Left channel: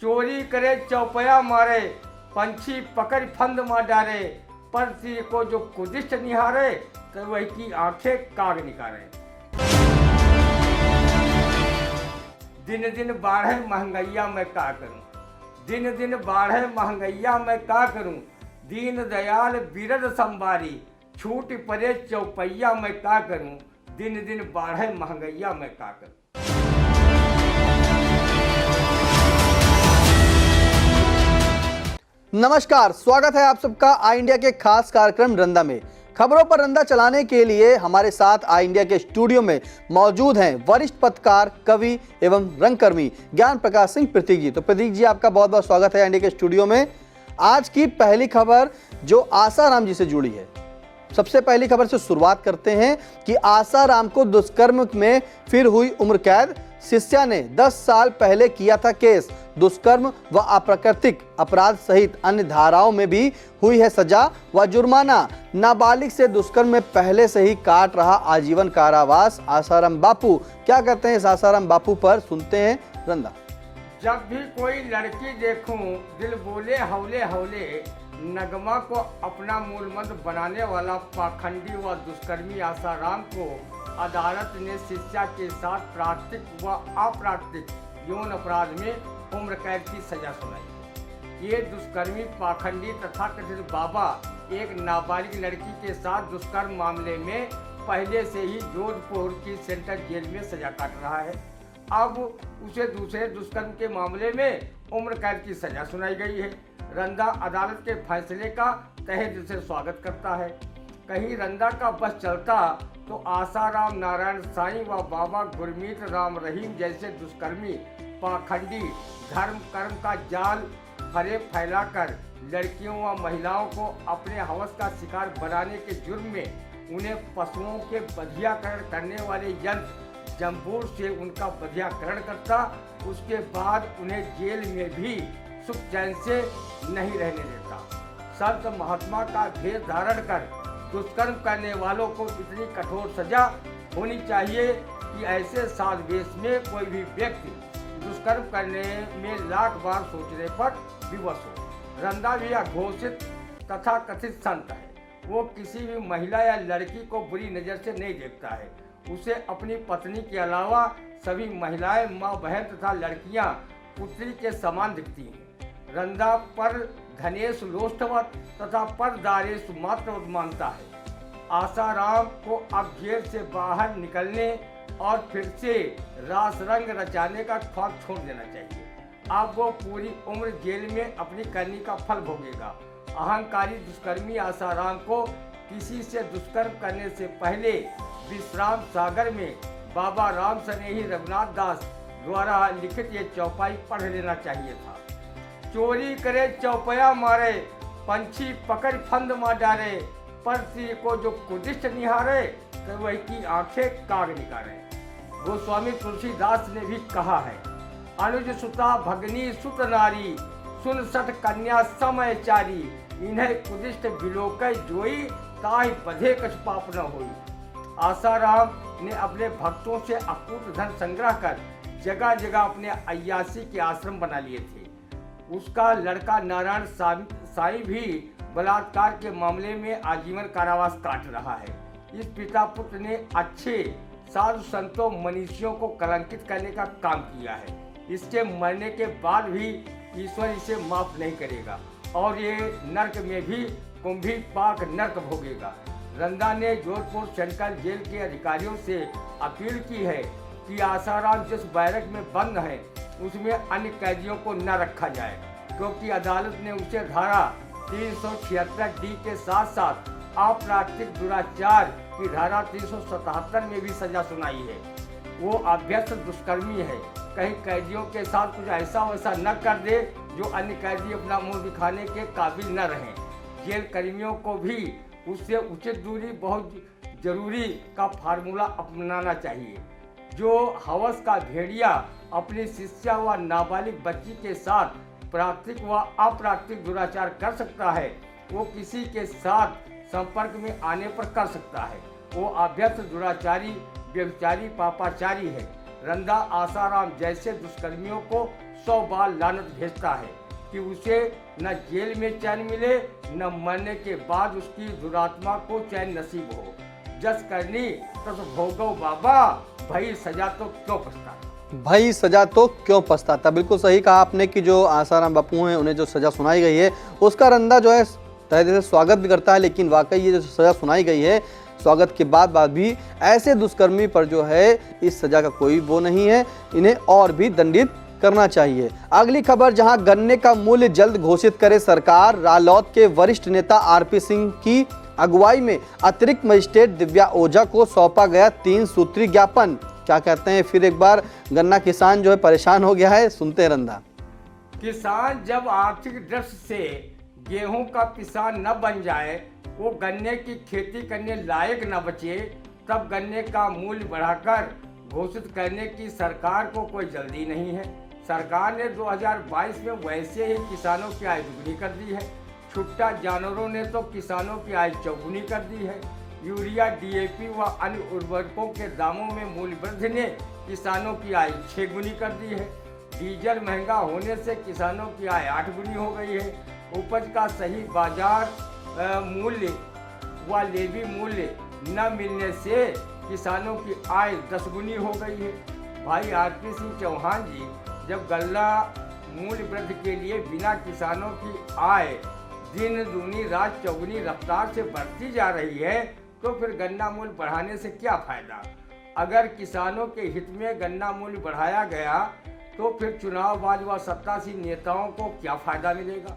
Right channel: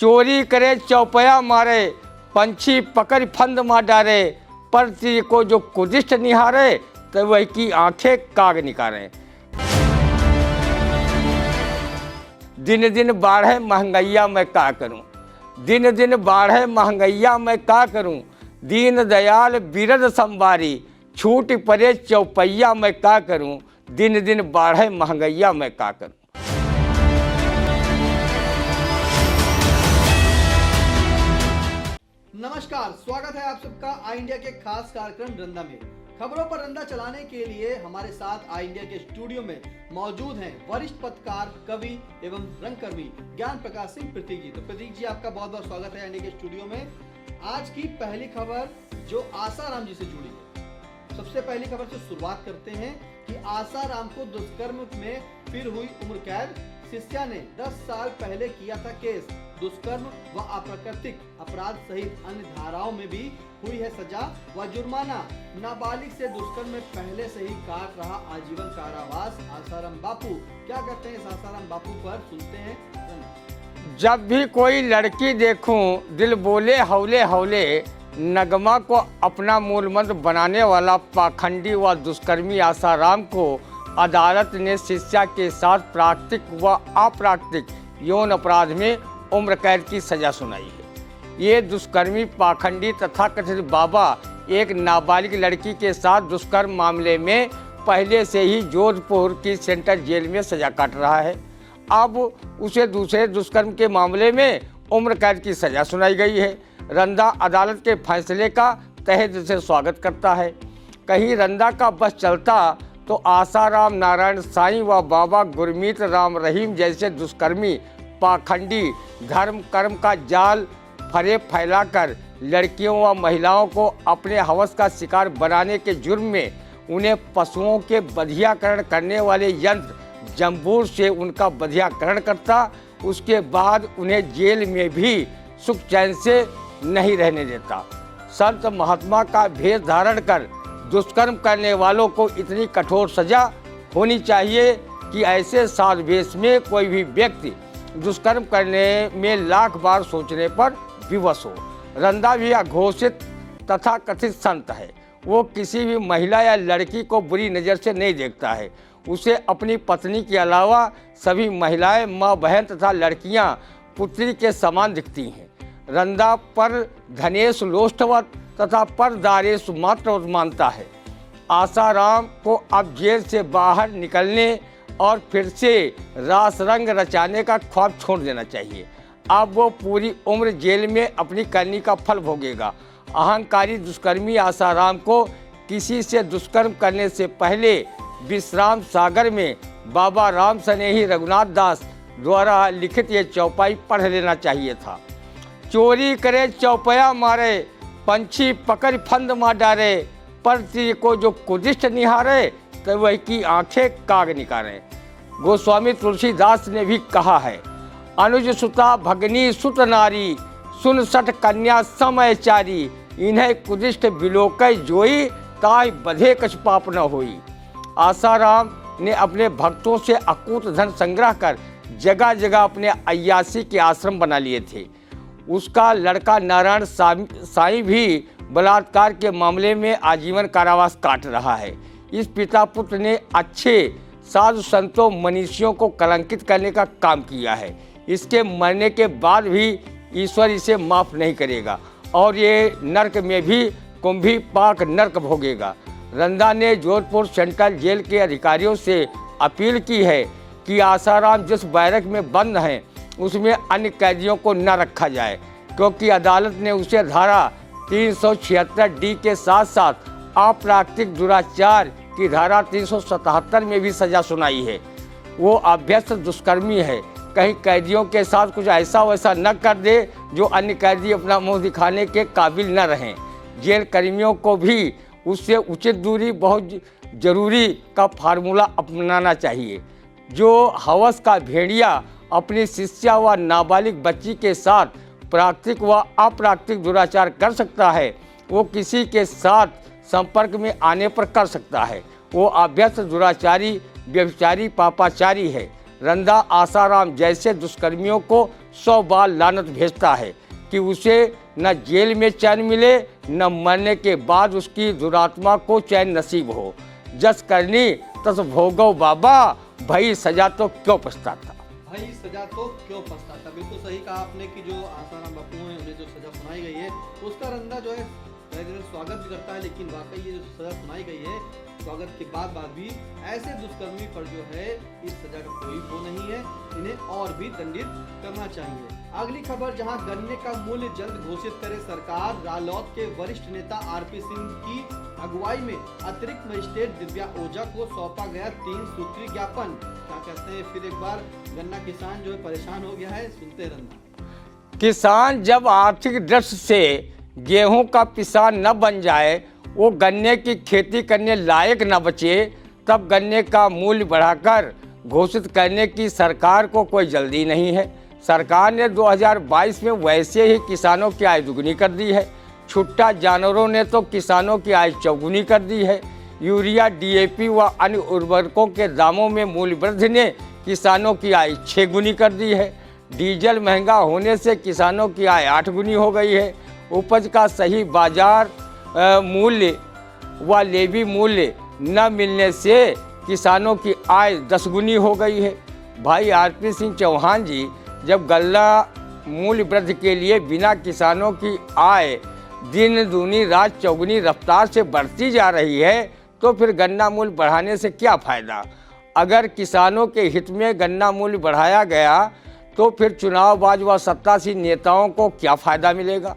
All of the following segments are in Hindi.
चोरी करे चौपया मारे, पंछी पकड़ फंद मार डारे, पर तीर को जो कुदिष्ट निहारे, तो वही की आंखें काग निकारे। दिन दिन बाढ़े महंगैया मैं का करूं, दिन दिन बाढ़े महंगैया मैं का करूं, दीन दयाल बिरद संबारी, छूट पड़े चौपैया मैं का करूं, दिन दिन बाढ़े महंगैया मैं का करूं। नमस्कार, स्वागत है आप सबका आई इंडिया के खास कार्यक्रम रंदा में। खबरों पर रंदा चलाने के लिए हमारे साथ आई इंडिया के स्टूडियो में मौजूद हैं वरिष्ठ पत्रकार, कवि एवं रंगकर्मी ज्ञान प्रकाश सिंह प्रतीक जी। तो प्रतीक जी, आपका बहुत बहुत स्वागत है इंडिया के स्टूडियो में। आज की पहली खबर जो आसाराम जी से जुड़ी है, सबसे पहली खबर से शुरुआत करते हैं कि आसाराम को दुष्कर्म में फिर हुई उम्र कैद। शिष्या ने 10 साल पहले किया था केस। दुष्कर्म व अप्राकृतिक अपराध सहित अन्य धाराओं में भी हुई है सजा व जुर्माना। नाबालिग से दुष्कर्म में पहले से ही काट रहा आजीवन कारावास आसाराम बापू। क्या कहते हैं इस आसाराम बापू पर, सुनते हैं रंदा। जब भी कोई लड़की देखूं, दिल बोले हौले हौले, नगमा को अपना मूल मंत्र बनाने वाला पाखंडी व दुष्कर्मी आसाराम को अदालत ने शिक्षा के साथ प्राकृतिक व अप्राकृतिक यौन अपराध में उम्र कैद की सजा सुनाई है। ये दुष्कर्मी पाखंडी तथा कथित बाबा एक नाबालिग लड़की के साथ दुष्कर्म मामले में पहले से ही जोधपुर की सेंट्रल जेल में सजा काट रहा है। अब उसे दूसरे दुष्कर्म के मामले में उम्र कैद की सजा सुनाई गई है। रंदा अदालत के फैसले का तहे दिल से स्वागत करता है। कहीं रंदा का बस चलता तो आसाराम नारायण साईं व बाबा गुरमीत राम रहीम जैसे दुष्कर्मी पाखंडी धर्म कर्म का जाल फरेब फैलाकर लड़कियों व महिलाओं को अपने हवस का शिकार बनाने के जुर्म में उन्हें पशुओं के बधियाकरण करने वाले यंत्र जम्बूर से उनका बधियाकरण करता, उसके बाद उन्हें जेल में भी सुख चैन से नहीं रहने देता। संत महात्मा का भेष धारण कर दुष्कर्म करने वालों को इतनी कठोर सजा होनी चाहिए कि ऐसे साध भेष में कोई भी व्यक्ति दुष्कर्म करने में लाख बार सोचने पर विवश हो। रंदा भी अघोषित तथा कथित संत है। वो किसी भी महिला या लड़की को बुरी नज़र से नहीं देखता है। उसे अपनी पत्नी के अलावा सभी महिलाएं, माँ, बहन तथा लड़कियां पुत्री के समान दिखती हैं। रंदा पर धनेश लोष्टवत तथा पर दारेश मात्रवत मानता है। आसाराम को अब जेल से बाहर निकलने और फिर से रास रंग रचाने का ख्वाब छोड़ देना चाहिए। अब वो पूरी उम्र जेल में अपनी करनी का फल भोगेगा। अहंकारी दुष्कर्मी आसाराम को किसी से दुष्कर्म करने से पहले विश्राम सागर में बाबा राम स्नेही रघुनाथ दास द्वारा लिखित ये चौपाई पढ़ लेना चाहिए था। चोरी करे चौपया मारे, पंछी पकड़ फंद मार डारे, पर तीर को जो कुदिष्ट निहारे, तो वही की आंखें काग निकारे। गोस्वामी तुलसीदास ने भी कहा है, अनुज सुता भगनी सुत नारी, सुन सठ कन्या समय चारी, इन्हें कुदिष्ट बिलोकय जोई, ताय बधे कछ पाप न होई। आसाराम ने अपने भक्तों से अकूत धन संग्रह कर जगह जगह अपने अय्यासी के आश्रम बना लिए थे। उसका लड़का नारायण साईं भी बलात्कार के मामले में आजीवन कारावास काट रहा है। इस पिता पुत्र ने अच्छे साधु संतों मनीषियों को कलंकित करने का काम किया है। इसके मरने के बाद भी ईश्वर इसे माफ नहीं करेगा और ये नरक में भी कुंभी पाक नरक भोगेगा। रंदा ने जोधपुर सेंट्रल जेल के अधिकारियों से अपील की है कि आसाराम जिस बैरक में बंद हैं उसमें अन्य कैदियों को न रखा जाए, क्योंकि अदालत ने उसे धारा 376 डी के साथ साथ अप्राकृतिक दुराचार की धारा 377 में भी सजा सुनाई है। वो अभ्यस्त दुष्कर्मी है। कहीं कैदियों के साथ कुछ ऐसा वैसा न कर दे जो अन्य कैदी अपना मुंह दिखाने के काबिल न रहें। जेल कर्मियों को भी उससे उचित दूरी बहुत जरूरी का फार्मूला अपनाना चाहिए। जो हवस का भेड़िया अपनी शिष्या व नाबालिग बच्ची के साथ प्राकृतिक व अप्राकृतिक दुराचार कर सकता है, वो किसी के साथ संपर्क में आने पर कर सकता है। वो अभ्यस्त दुराचारी, व्यभिचारी, पापाचारी है। रंदा आसाराम जैसे दुष्कर्मियों को 100 बार लानत भेजता है कि उसे न जेल में चैन मिले, न मरने के बाद उसकी दुरात्मा को चैन नसीब हो। जस करनी तस भोगो बाबा, भाई सजा तो क्यों पछताता। भाई सजा तो क्यों पछताता। बिल्कुल सही कहा आपने कि जो आसाराम बापू हैं उन्हें जो सजा सुनाई गई है उसका रंदा जो है तहे दिल से स्वागत भी करता है, लेकिन वाकई ये जो सजा सुनाई गई है स्वागत के बाद भी ऐसे दुष्कर्मी पर जो है इस सजा का कोई वो नहीं है, इन्हें और भी दंडित करना चाहिए। अगली खबर, जहां गन्ने का मूल्य जल्द घोषित करे सरकार, रालोद के वरिष्ठ नेता आरपी सिंह की अगुवाई में अतिरिक्त मजिस्ट्रेट दिव्या ओझा को सौंपा गया 3 सूत्री ज्ञापन। क्या कहते हैं फिर एक बार गन्ना किसान जो है परेशान हो गया है, सुनते हैं रंदा। किसान जब आर्थिक दृष्टि से गेहूं का किसान न बन जाए, वो गन्ने की खेती करने लायक न बचे, तब गन्ने का मूल्य बढ़ाकर घोषित करने की सरकार को कोई जल्दी नहीं है। सरकार ने 2022 में वैसे ही किसानों की आय दुगनी कर दी है। छुट्टा जानवरों ने तो किसानों की आय चौगुनी कर दी है। यूरिया, डीएपी व अन्य उर्वरकों के दामों में मूल्य वृद्धि ने किसानों की आय 6 गुनी कर दी है। डीजल महंगा होने से किसानों की आय 8 गुनी हो गई है। उपज का सही बाजार मूल्य व लेवी मूल्य न मिलने से किसानों की आय 10 गुनी हो गई है। भाई आरपी सिंह चौहान जी, जब गल्ला मूल्य वृद्धि के लिए बिना किसानों की आय दिन दूनी रात चौगुनी रफ्तार से बढ़ती जा रही है, तो फिर गन्ना मूल्य बढ़ाने से क्या फायदा। अगर किसानों के हित में गन्ना मूल्य बढ़ाया गया तो फिर चुनावबाज व सत्तासीन नेताओं को क्या फायदा मिलेगा।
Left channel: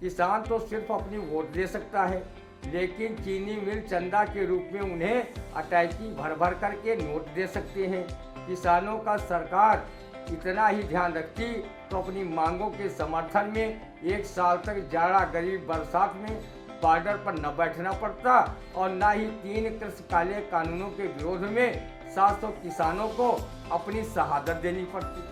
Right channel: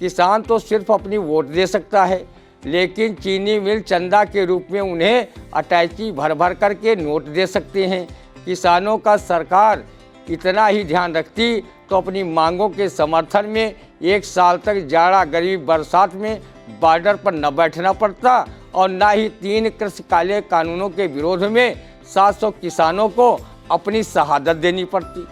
किसान तो सिर्फ अपनी वोट दे सकता है, लेकिन चीनी मिल चंदा के रूप में उन्हें अटैची भर भर करके नोट दे सकते हैं। किसानों का सरकार इतना ही ध्यान रखती तो अपनी मांगों के समर्थन में 1 साल तक जाड़ा, गरीब, बरसात में बॉर्डर पर न बैठना पड़ता और न ही 3 कृषि काले कानूनों के विरोध में 700 किसानों को अपनी शहादत देनी पड़ती।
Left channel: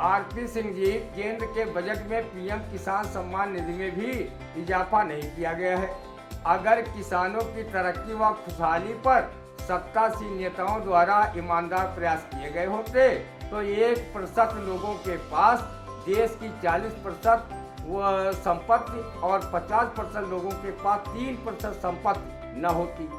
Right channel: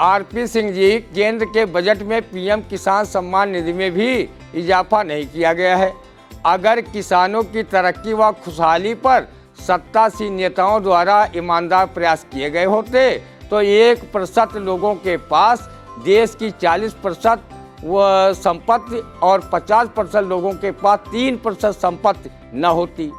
आरपी सिंह जी, केंद्र के बजट में पीएम किसान सम्मान निधि में भी इजाफा नहीं किया गया है। अगर किसानों की तरक्की व खुशहाली पर सत्तासीन नेताओं द्वारा ईमानदार प्रयास किए गए होते तो 1% लोगों के पास देश की 40% संपत्ति और 50% लोगों के पास 3% संपत्ति न होती।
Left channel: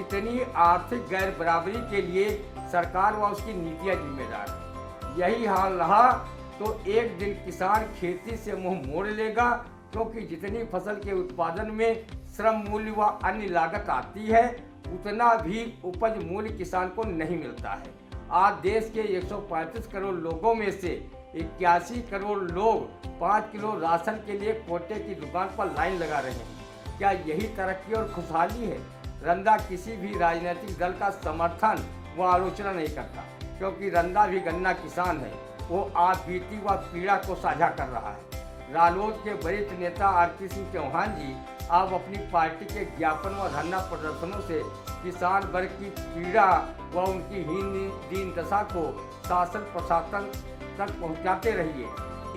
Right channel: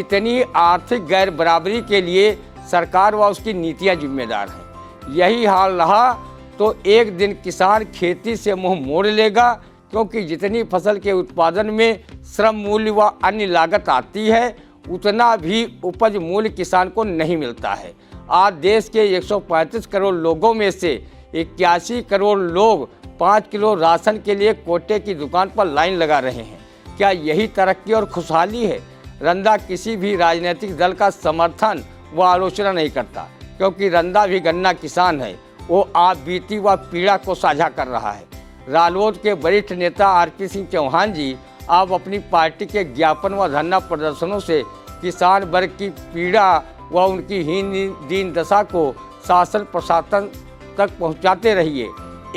इतनी आर्थिक गैर बराबरी के लिए सरकार व उसकी नीतियां जिम्मेदार हैं। यही हाल रहा तो एक दिन किसान खेती से मुंह मोड़ लेगा, क्योंकि जितनी फसल के उत्पादन में श्रम मूल्य व अन्य लागत आती है, उतना भी उपज मूल्य किसान को नहीं मिलता है। आज देश के 135 करोड़ लोगों में से 81 करोड़ लोग 5 किलो राशन के लिए कोटे की दुकान पर लाइन लगा रहे हैं। क्या यही तरक्की और खुशहाली है। रंदा किसी भी राजनीतिक दल का समर्थन व आलोचना नहीं करता, क्योंकि रंदा भी गन्ना किसान है। वो आप बीती व पीड़ा को साझा कर रहा है। रालोद के वरिष्ठ नेता आरपी सिंह चौहान जी आप अपनी पार्टी के ज्ञापन व धरना प्रदर्शनों से किसान वर्ग की पीड़ा व उनकी हीन दीन दशा को शासन प्रशासन तक पहुंचाते रहिए।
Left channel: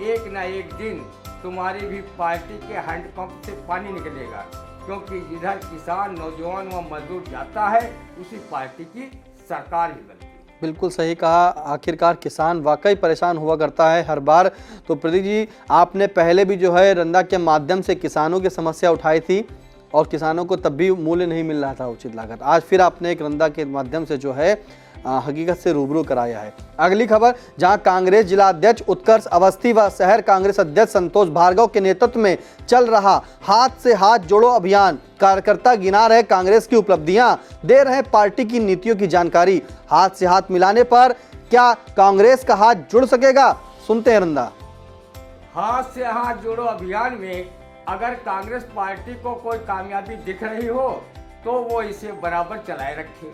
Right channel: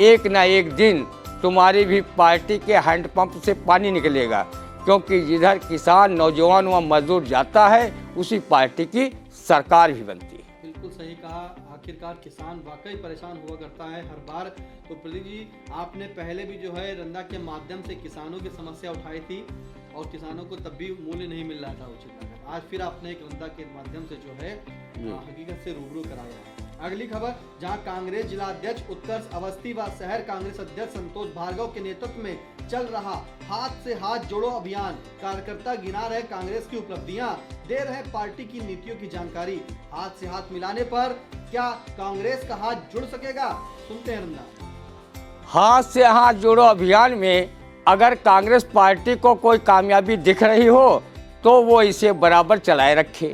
एक न एक दिन तुम्हारी भी पार्टी के हैंडपंप से पानी निकलेगा, क्योंकि जिधर किसान, नौजवान व मजदूर जाता है उसी पार्टी की सरकार भी बनती है। बिल्कुल सही कहा। आखिरकार किसान वाकई परेशान हुआ करता है हर बार। तो प्रदीप जी, आपने पहले भी जो है रंदा के माध्यम से किसानों की समस्या उठाई थी और किसानों को तब भी मूल्य नहीं मिल रहा था उचित लागत। आज फिर आपने एक रंदा के माध्यम से जो है हकीकत से रूबरू कराया है। अगली खबर, जहां कांग्रेस जिला अध्यक्ष उत्कर्ष अवस्थी व शहर कांग्रेस अध्यक्ष संतोष भार्गव के नेतृत्व में चल रहा हाथ से हाथ जोड़ो अभियान, कार्यकर्ता गिना रहे कांग्रेस की उपलब्धियां, दे रहे पार्टी की नीतियों की जानकारी। हाथ से हाथ मिलाने पर क्या कांग्रेस का हाथ जुड़ सकेगा, सुनते हैं रंदा। हाथ से हाथ जोड़ो अभियान में अगर कांग्रेस पार्टी को कोई कामयाबी दिख रही हो तो वो इसे बराबर चलाए रखे।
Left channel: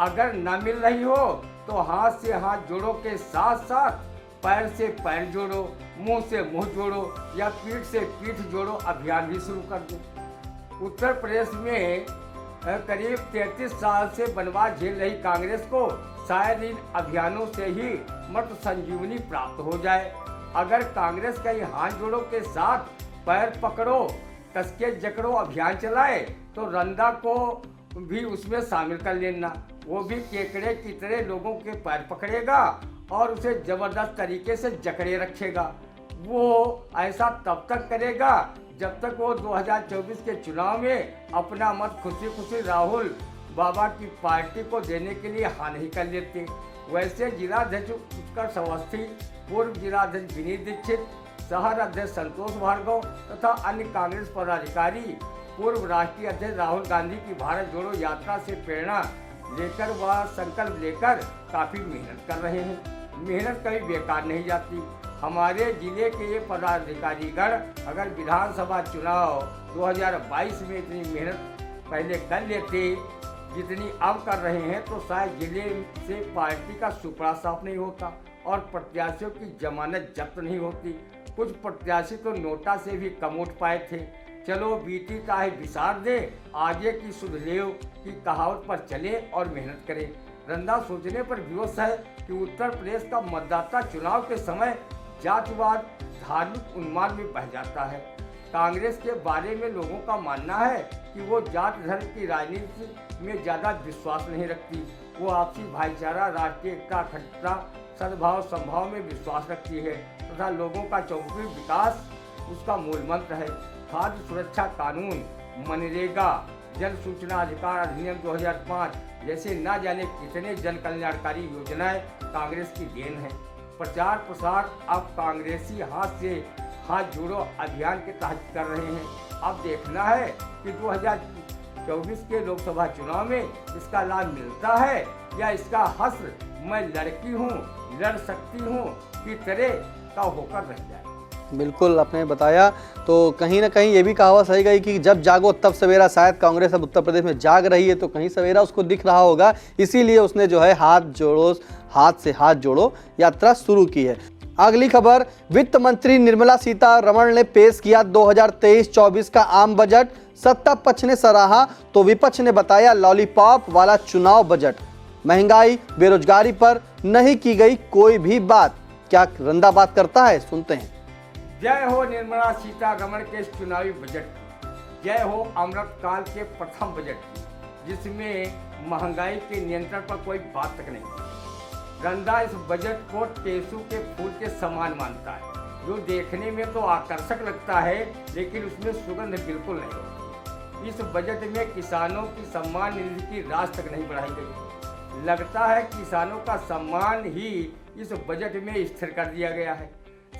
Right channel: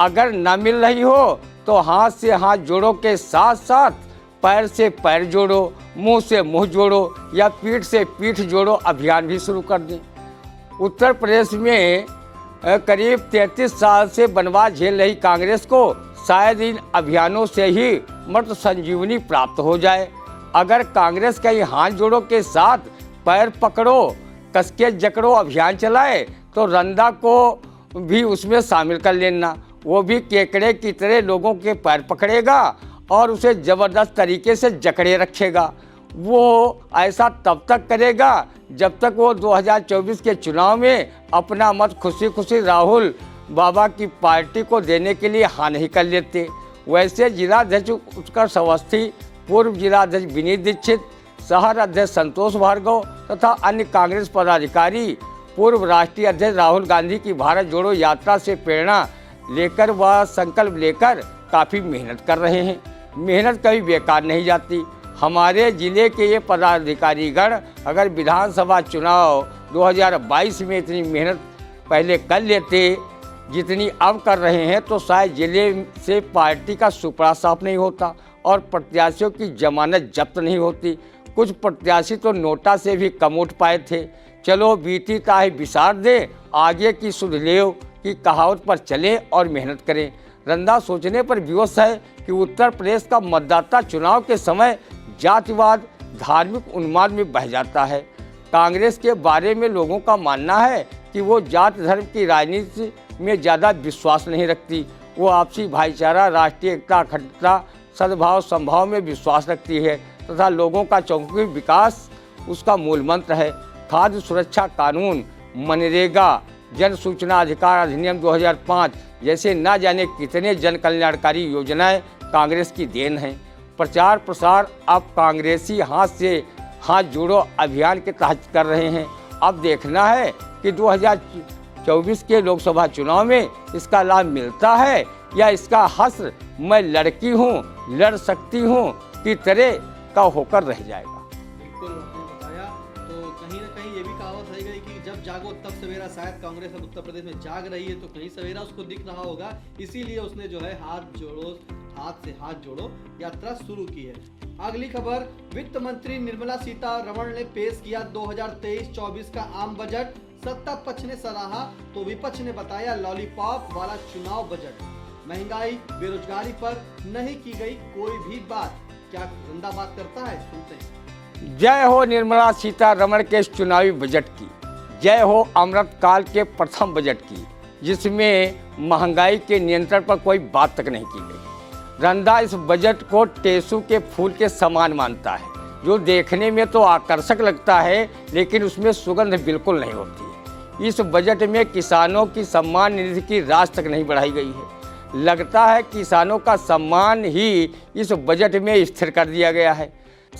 अगर न मिल रही हो तो हाथ से हाथ जोड़ो के साथ साथ पैर से पैर जोड़ो, मुंह से मुंह जोड़ो या पीठ से पीठ जोड़ो अभियान भी शुरू कर दें। उत्तर प्रदेश में करीब 33 साल से बनवास झेल रही कांग्रेस को शायद इन अभियानों से ही मृत संजीवनी प्राप्त हो जाए। अगर कांग्रेस का ये हाथ जोड़ो के साथ पैर पकड़ो, कसके जकड़ो अभियान चलाए तो रंदा को भी उसमें शामिल कर लेना। वो भी केकड़े की तरह लोगों के पैर पकड़ेगा और उसे जबरदस्त तरीके से जकड़े रखेगा। वो ऐसा तब तक करेगा जब तक वो 2024 के चुनाव में अपना मत खुशी खुशी राहुल बाबा की पार्टी को देने के लिए हाँ नहीं कर लेते। वैसे जिलाध्यक्ष उत्कर्ष अवस्थी, पूर्व जिलाध्यक्ष विनीत दीक्षित, शहर अध्यक्ष संतोष भार्गव तथा अन्य कांग्रेस पदाधिकारी पूर्व राष्ट्रीय अध्यक्ष राहुल गांधी की भारत जोड़ो यात्रा से प्रेरणा लेकर व संकल्प लेकर काफ़ी मेहनत कर रहे हैं। मेहनत कभी बेकार नहीं जाती। हमारे जिले के ये पदाधिकारीगण अगर विधानसभा चुनाव 2022 में इतनी मेहनत पहले कर लेते जितनी अब कर रहे हैं तो शायद जिले से पार्टी का सुपड़ा साफ नहीं होता और प्रत्याशियों की जमानत जब्त नहीं होती। कुछ प्रत्याशी तो नोटा से भी कम उठ पाए थे। चलो बीती ताही बिसार दे, आगे की सुध लेव की कहावत पर चले और मेहनत करें। रंदा सोचने पर विवश है कि उत्तर प्रदेश का मतदाता चुनाव के समय जातिवाद, धार्मिक उन्माद में बह जाता है। कांग्रेस के बारे में लोगों का मानना है कि वो जाति धर्म की राजनीति में ज़्यादा विश्वास नहीं रखती। वो आपसी भाईचारा, राष्ट्रीय एकता, अखंडता, सद्भाव, संभाव में विश्वास रखती है तथा लोगों का चौमुखी विकास उसका मूल मंत्र है। खाद्य सुरक्षा कानून, मनरेगा, जन सूचना अधिकार अधिनियम 2005 जैसे न जाने कितने जन कल्याणकारी योजनाएं कांग्रेस की देन हैं। प्रचार प्रसार अब कांग्रेसी हाथ से हाथ जोड़ो अभियान के तहत कर रहे हैं। अब देखना है कि 2024 के लोकसभा चुनाव में इसका लाभ मिलता है या इसका हश्र मैं लड़की हूँ, लड़ सकती हूँ की तरह का होकर रह जाएगा। बिल्कुल आपने बताया, तो कहीं ना कहीं ये भी कहावत सही गई कि जब जागो तब सवेरा। शायद कांग्रेस अब उत्तर प्रदेश में जाग रही है तो कहीं सवेरा उसको दिख रहा होगा, इसीलिए उसने जो है हाथ से हाथ जोड़ो यात्रा शुरू की है। अगली खबर, वित्त मंत्री निर्मला सीतारमण ने पेश किया 2023-24 का आम बजट। सत्ता पक्ष ने सराहा तो विपक्ष ने बताया लॉलीपॉप वाला चुनाव बजट। महंगाई, बेरोजगारी पर नहीं की गई कोई भी बात। क्या रंदा बात करता है, सुनते हैं। जय हो निर्मला सीतारमण के इस चुनावी बजट की, जय हो अमृत काल के प्रथम बजट की, जिसमें महंगाई के नियंत्रण पर कोई बात तक नहीं की गई। रंदा इस बजट को टेसू के फूल के समान मानता है, जो देखने में तो आकर्षक लगता है लेकिन उसमें सुगंध बिल्कुल नहीं होती। इस बजट में किसानों की सम्मान निधि की राशि तक नहीं बढ़ाई गई है। लगता है किसानों का सम्मान ही इस बजट में स्थिर कर दिया गया है।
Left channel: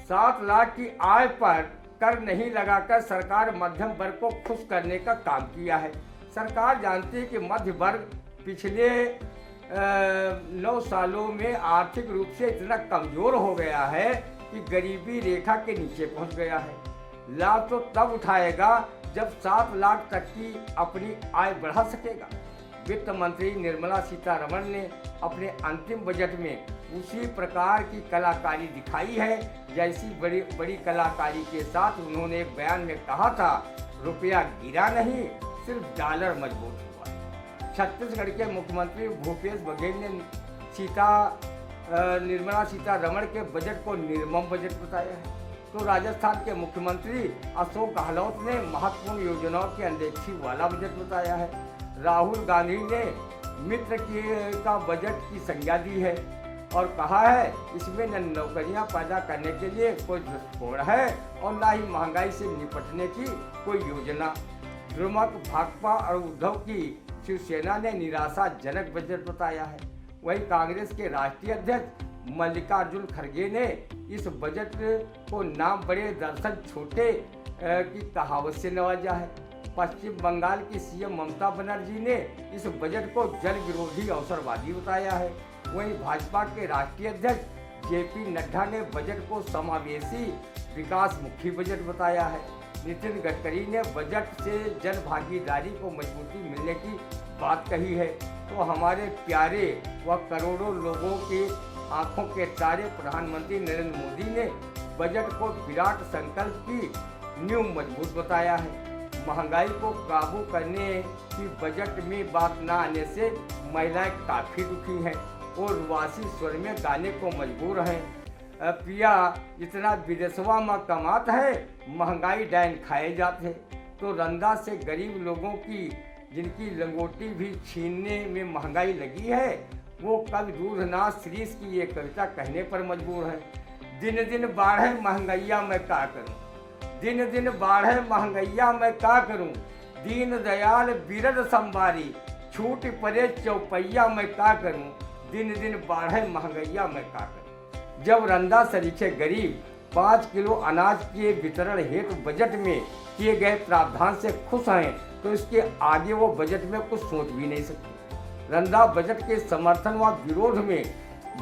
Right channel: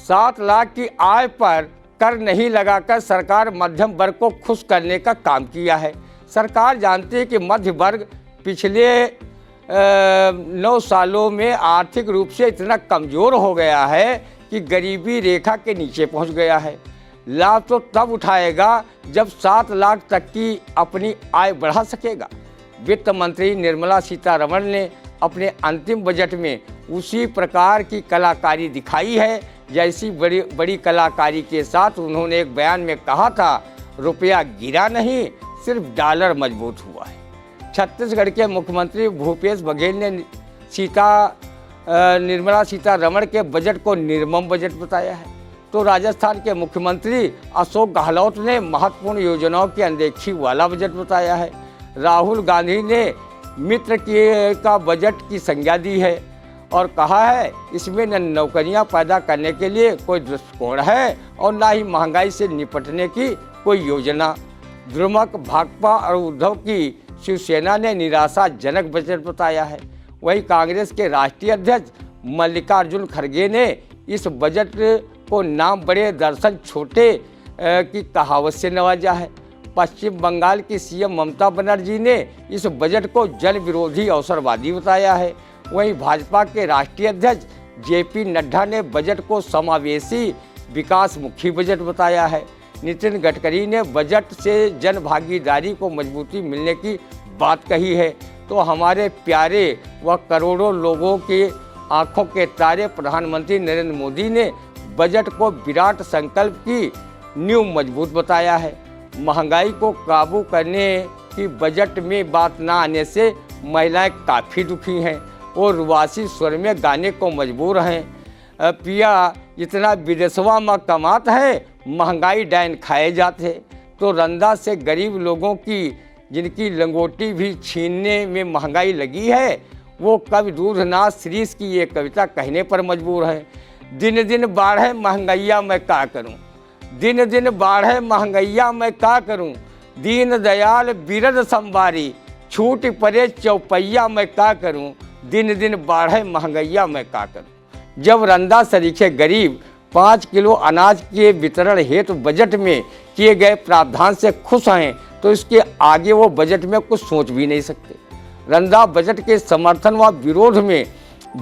7 लाख की आय पर कर नहीं लगाकर सरकार मध्यम वर्ग को खुश करने का काम किया है। सरकार जानती है कि मध्य वर्ग पिछले 9 सालों में आर्थिक रूप से इतना कमज़ोर हो गया है कि गरीबी रेखा के नीचे पहुंच गया है। लाभ तो तब उठाएगा जब 7 लाख तक की अपनी आय बढ़ा सकेगा। वित्त मंत्री निर्मला सीतारमण ने अपने अंतिम बजट में उसी प्रकार की कलाकारी दिखाई है जैसी बड़ी कलाकारी के साथ उन्होंने एक बयान में कहा था, रुपया गिरा नहीं, सिर्फ डॉलर मजबूत हुआ है। छत्तीसगढ़ के मुख्यमंत्री भूपेश बघेल ने निर्मला सीतारमण के बजट को निर्मम बजट बताया है, तो राजस्थान के मुख्यमंत्री अशोक गहलोत ने महत्वपूर्ण योजनाओं की अनदेखी वाला बजट बताया है। राहुल गांधी ने मित्र का बजट की संज्ञा दी है और कहा है इसमें न नौकरियां पैदा करने के लिए कोई दृष्टिकोण है और न ही महंगाई से निपटने की कोई योजना। द्रुमक भाकपा और उद्धव की शिवसेना ने निराशाजनक बजट बताया है। वहीं कांग्रेस के राष्ट्रीय अध्यक्ष मल्लिकार्जुन खड़गे ने इस बजट को नाम बड़े दरअसल छोटे की कहावत से नवाजा है। पश्चिम बंगाल की सीएम ममता बनर्जी ने इस बजट को जन विरोधी अवसरवादी बताया है। वहीं भाजपा के राष्ट्रीय अध्यक्ष जेपी नड्डा ने बजट को समावेशी विकासमुखी बजट बताया है। नितिन गडकरी ने बजट से जन भागीदारी को मजबूती मिलने की बात कही है, तो हमारे प्यारे व करोड़ों लोगों के आंखों के तारे प्रधानमंत्री नरेंद्र मोदी ने बजट को विराट संकल्प की नींव मजबूत बताया है। महंगाई को काबू करने की बजट में बात न आने से महिलाएं काफ़ी दुखी हैं। वो रुवासी स्वर में गाने को मजबूर हैं, पिया इतना विदेशवा में कमात है, महंगाई डायन खाए जाते। तो रंदा से गरीब लोगों की जिनकी लंगोटी भी छीनने में महंगाई लगी है, वो कवि दूधनाथ श्रीश की ये कविता कहने पर मजबूर है। दिन दिन बाढ़े महंगैया मैं का करूं, दिन दिन बाढ़े महंगैया मैं का करूं, दीन दयाल बिरद संबारी, छूट पड़े चौपैया मैं का करूं, दिन दिन बाढ़े महंगैया मैं का करूं। जब रंदा सरीखे गरीब 5 किलो अनाज के वितरण हेतु बजट में किए गए प्रावधान से खुश हैं तो इसके आगे वो बजट में कुछ सोच भी नहीं सकते। रंदा बजट के समर्थन व विरोध में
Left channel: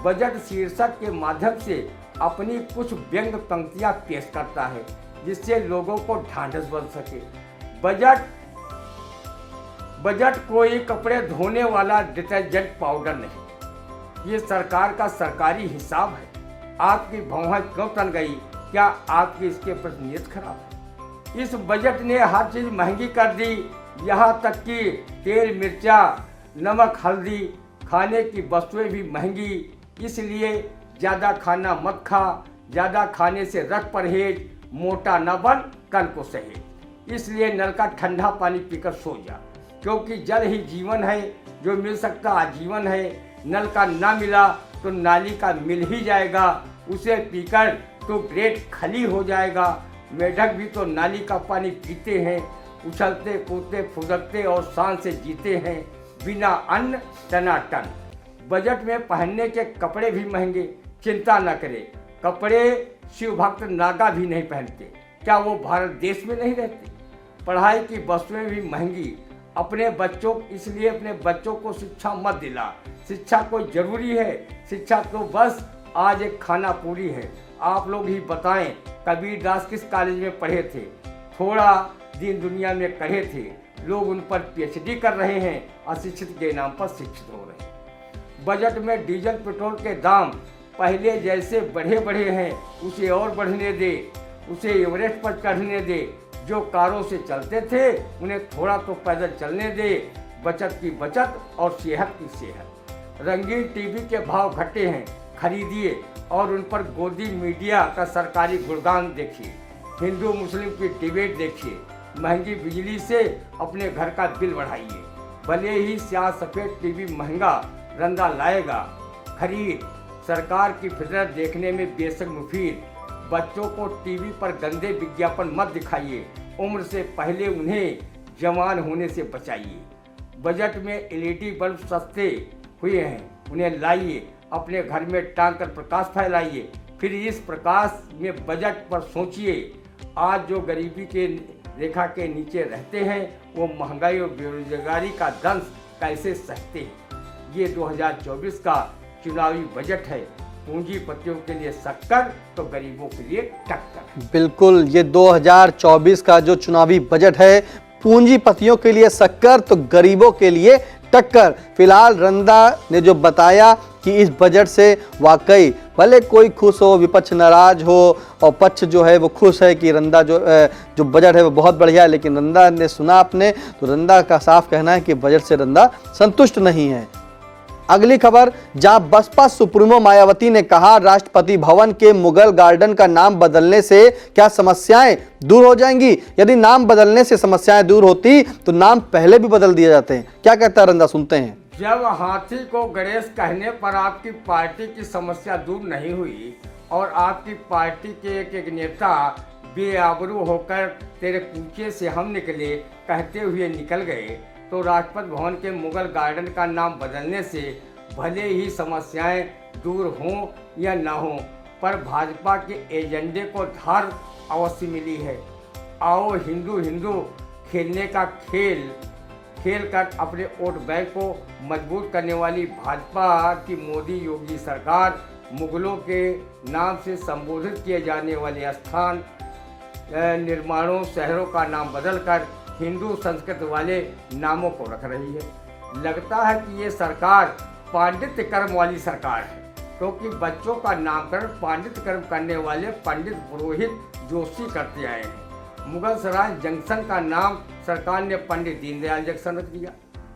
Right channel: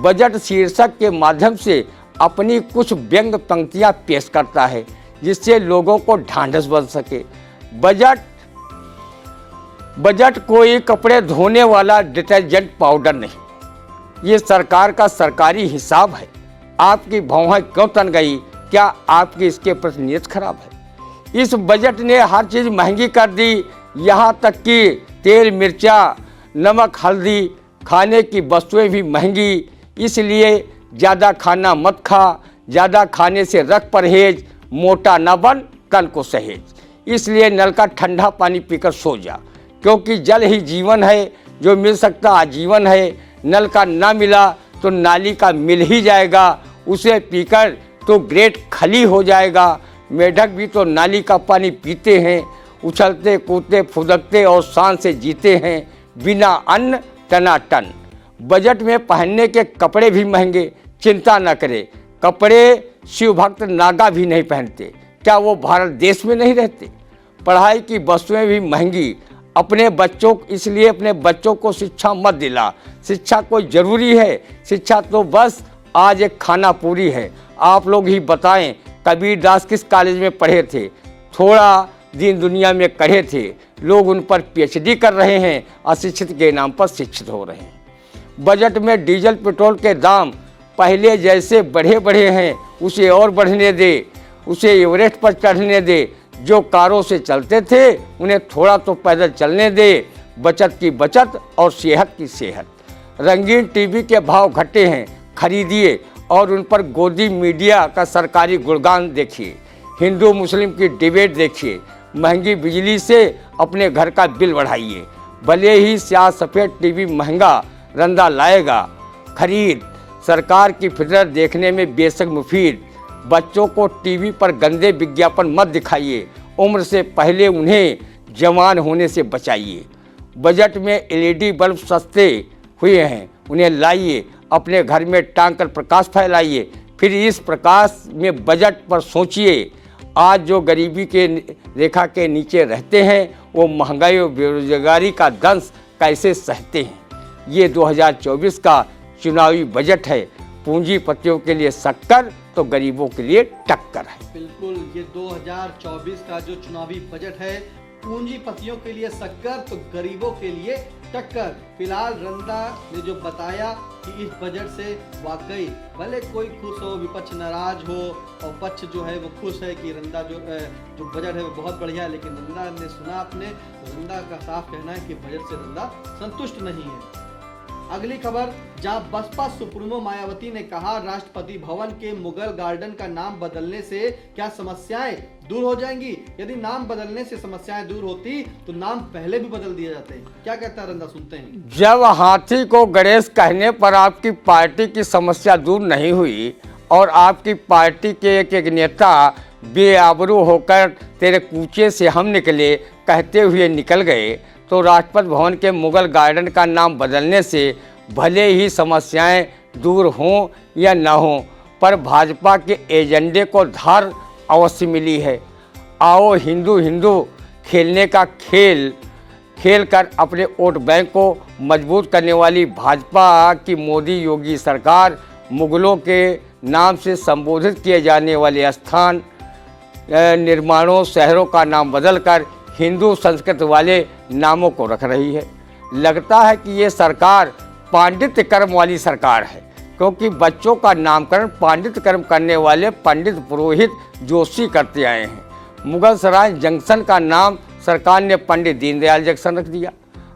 बजट शीर्षक के माध्यम से अपनी कुछ व्यंग पंक्तियां पेश करता है जिससे लोगों को ढांढस बन सके। बजट कोई कपड़े धोने वाला डिटर्जेंट पाउडर नहीं, ये सरकार का सरकारी हिसाब है। आपकी भौहें क्यों तन गई, क्या आपकी इसके प्रति नीयत खराब है? इस बजट ने हर चीज महंगी कर दी, यहाँ तक कि तेल मिर्चा नमक हल्दी खाने की वस्तुएं भी महंगी। इसलिए ज़्यादा खाना मत खा, ज़्यादा खाने से रख परहेज, मोटा न बन कल को सहेज। इसलिए नल का ठंडा पानी पीकर सो जा, क्योंकि जल ही जीवन है, जो मिल सकता आजीवन है। नल का ना मिला तो नाली का मिल ही जाएगा, उसे पीकर तो ग्रेट खली हो जाएगा। मेढक भी तो नाली का पानी पीते हैं, उछलते कूदते फुदकते और शान से जीते हैं, बिना अन्न टनाटन। बजट में पहनने के कपड़े भी महंगे, चिंता न करे, कपड़े शिव भक्त नागा भी नहीं पहनते, क्या वो भारत देश में नहीं रहते? पढ़ाई की वस्तुएं भी महंगी, इसलिए अपने बच्चों को शिक्षा मत दिला। शिक्षा कोई जरूरी है, शिक्षा तो बस आज एक खाना पूरी है। आप लोग ही बताएं, कबीर दास किस कॉलेज में पढ़े थे, थोड़ा दिन दुनिया में कढ़े थे, लोग उन पर पीएचडी कर रहे हैं, अशिक्षित के नाम पर शिक्षित हो रहे हैं। बजट में डीजल पेट्रोल के दाम पहले जैसे बढ़े हैं, उसे और बढ़ने दे, उसे एवरेस्ट पर चढ़ने दे। जो कारों से चलते थे उन्हें थोड़ा तो पैदल चलने दे। बचत की बचत और सेहत की सेहत। रंगीन टीवी के भाव घटे हैं, खरीदिए और उन पर गोदी मीडिया का सरकारी गुणगान देखिए। हिंदू मुस्लिम की डिबेट देखिए। महंगी बिजली से अपने घर का बिल बढ़ाइए। भले ही स्याह सफ़ेद टीवी महंगा, रंदा लाएगा खरीद। सरकार की फितरत देखने में बेशक मुफीद। बच्चों को टीवी पर गंदे विज्ञापन मत दिखाइए, उम्र से पहले उन्हें जवान होने से बचाइए। बजट में एलईडी बल्ब सस्ते हुए हैं, उन्हें लाइए, अपने घर में टांग कर प्रकाश फैलाइए। फिर इस प्रकाश में बजट पर सोचिए। आज जो गरीबी के रेखा के नीचे रहते हैं वो महंगाई और बेरोजगारी का दंश कैसे सहते हैं। ये 2024 का चुनावी बजट है। पूंजीपतियों के लिए शक्कर तो गरीबों के लिए टक्कर है। बिल्कुल, ये 2024 का जो चुनावी बजट है, पूंजीपतियों के लिए शक्कर तो गरीबों के लिए टक्कर। फिलहाल रंदा ने जो बताया कि इस बजट से वाकई भले कोई खुश हो, विपक्ष नाराज हो और पक्ष जो है वो खुश है कि रंदा जो बजट है वो बहुत बढ़िया है, लेकिन रंदा ने सुना आपने तो रंदा का साफ कहना है कि बजट से रंदा संतुष्ट नहीं है। अगली खबर, जहां बसपा सुप्रीमो मायावती ने कहा राष्ट्रपति भवन के मुगल गार्डन का नाम बदलने से क्या समस्याएं दूर हो जाएंगी। यदि नाम बदलने से समस्याएं दूर होती तो नाम पहले भी बदल दिए जाते हैं। क्या कहता है रंदा, सुनते हैं। जब हाथी को गणेश कहने पर आपकी पार्टी की समस्या दूर नहीं हुई और आपकी पार्टी के एक नेता बेआबरू होकर तेरे कूचे से हम निकले कहते हुए निकल गए, तो राष्ट्रपति भवन के मुगल गार्डन का नाम बदलने से भले ही समस्याएं दूर हों या न हों, पर भाजपा के एजेंडे को धार अवश्य मिली है। आओ हिंदू हिंदू खेलने का खेल कर अपने वोट बैंक को मजबूत करने वाली भाजपा की मोदी योगी सरकार मुगलों के नाम से संबोधित किए जाने वाले स्थान निर्माणों शहरों का नाम बदलकर हिंदू संस्कृत वाले नामों को रख रही है। लगता है कि ये सरकार पांडित्य कर्म वाली सरकार है, क्योंकि बच्चों का नामकरण पांडित्य कर्म करने वाले पंडित पुरोहित जोशी करते आए हैं। मुगल सराय जंक्शन का नाम सरकार ने पंडित दीनदयाल जंक्शन रख दिया।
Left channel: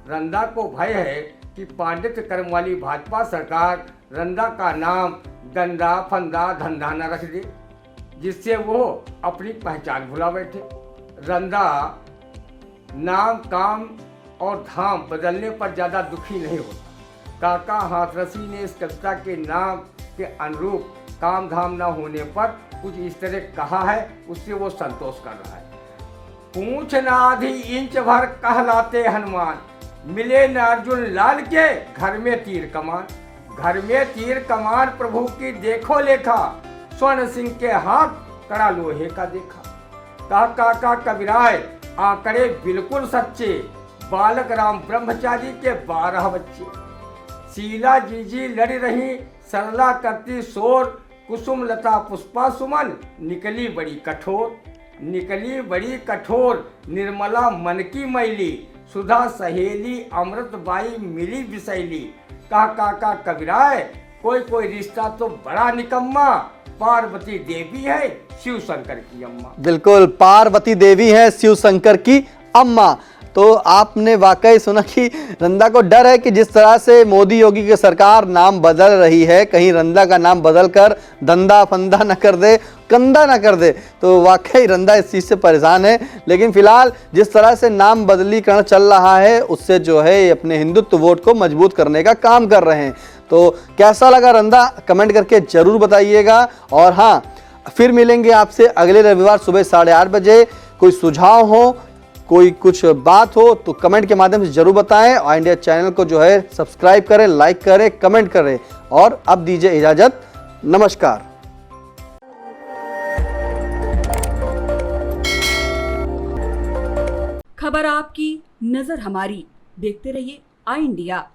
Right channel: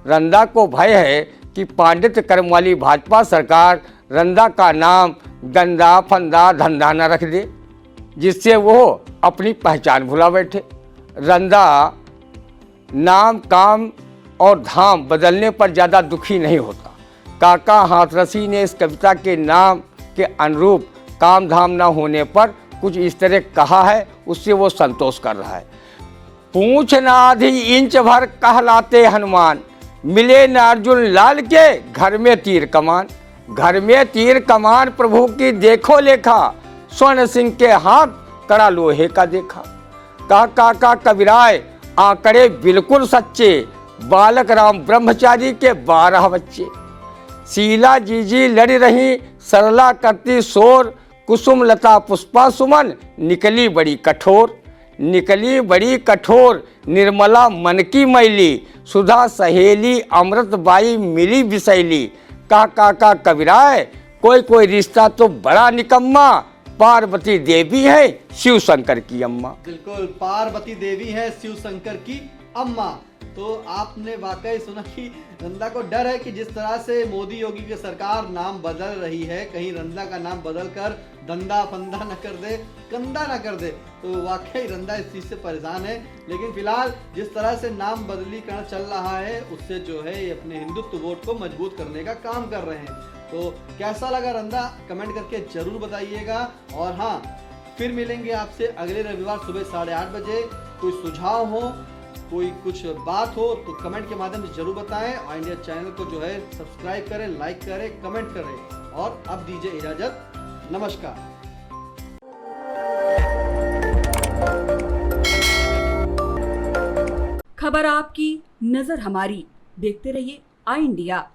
रंदा को भय है कि पांडित्य कर्म वाली भाजपा सरकार रंदा का नाम गंदा फंदा धंधा न रख दे, जिससे वो अपनी पहचान भुला बैठे। रंदा नाम काम और धाम बदलने पर ज़्यादा दुखी नहीं होता। काका हाथरसी ने इस कविता के नाम के अनुरूप काम धाम न होने पर कुछ इस तरह कहा है, उससे वो संतोष कर रहा है। पूछ न आधी इंच भर कहलाते हनुमान, मिले न अर्जुन लाल के घर में तीर कमान। घर में तीर कमान प्रभु की देखो लेखा, स्वर्ण सिंह के हाथ कड़ा लोहे का देखा। का कबीराय आंकड़े बिल्कुल सच्चे, बालक राम ब्रह्मचारी के 12 बच्चे। शीला जीजी लड़ी रही सरला करती शोर, कुसुम लता पुष्पा सुमन निकली बड़ी कठोर। निकली बड़ी कठोर निर्मला मन की मैली, सुधा सहेली अमृत बाई मिली बिसैली। का कबीराय कोई रिश्ता तो बड़ा निकम्मा, पार्वती देवी है शिव शंकर की अम्मा। बिल्कुल, पार्वती देवी है शिव शंकर की अम्मा। तो आपने वाकई सुना कि रंदा को डर है कि जिस तरह से मोदी योगी की सरकार नाम बदल रही है, कहीं रंदा का नाम बदल कर धंधा फंदा न कर दे, कंधा न कर दे। तो वाकई रंदा इस चीज़ से परेशान है। लेकिन फिलहाल जिस तरह से नाम बदलीकरण चल रहा है, उससे जो है अपने हिंदुत्व वोट को मजबूत करने का काम कर रहे हैं। तो कैसा लगा रंदा, कमेंट करके जरूर बताइएगा। और हाँ, फिर मिलेंगे आपसे अगले रविवार सुबह 8:30 बजे। कोई सुझाव हो, कोई कुछ बात हो तो कमेंट के माध्यम से जरूर बताएं। और इंडिया चैनल को जो है सब्सक्राइब करें, लाइक करें, कमेंट करें। और अब दीजिए इजाजत, नमस्कार। खबर आपकी, नजर हमारी। देखते रहिए आई इंडिया।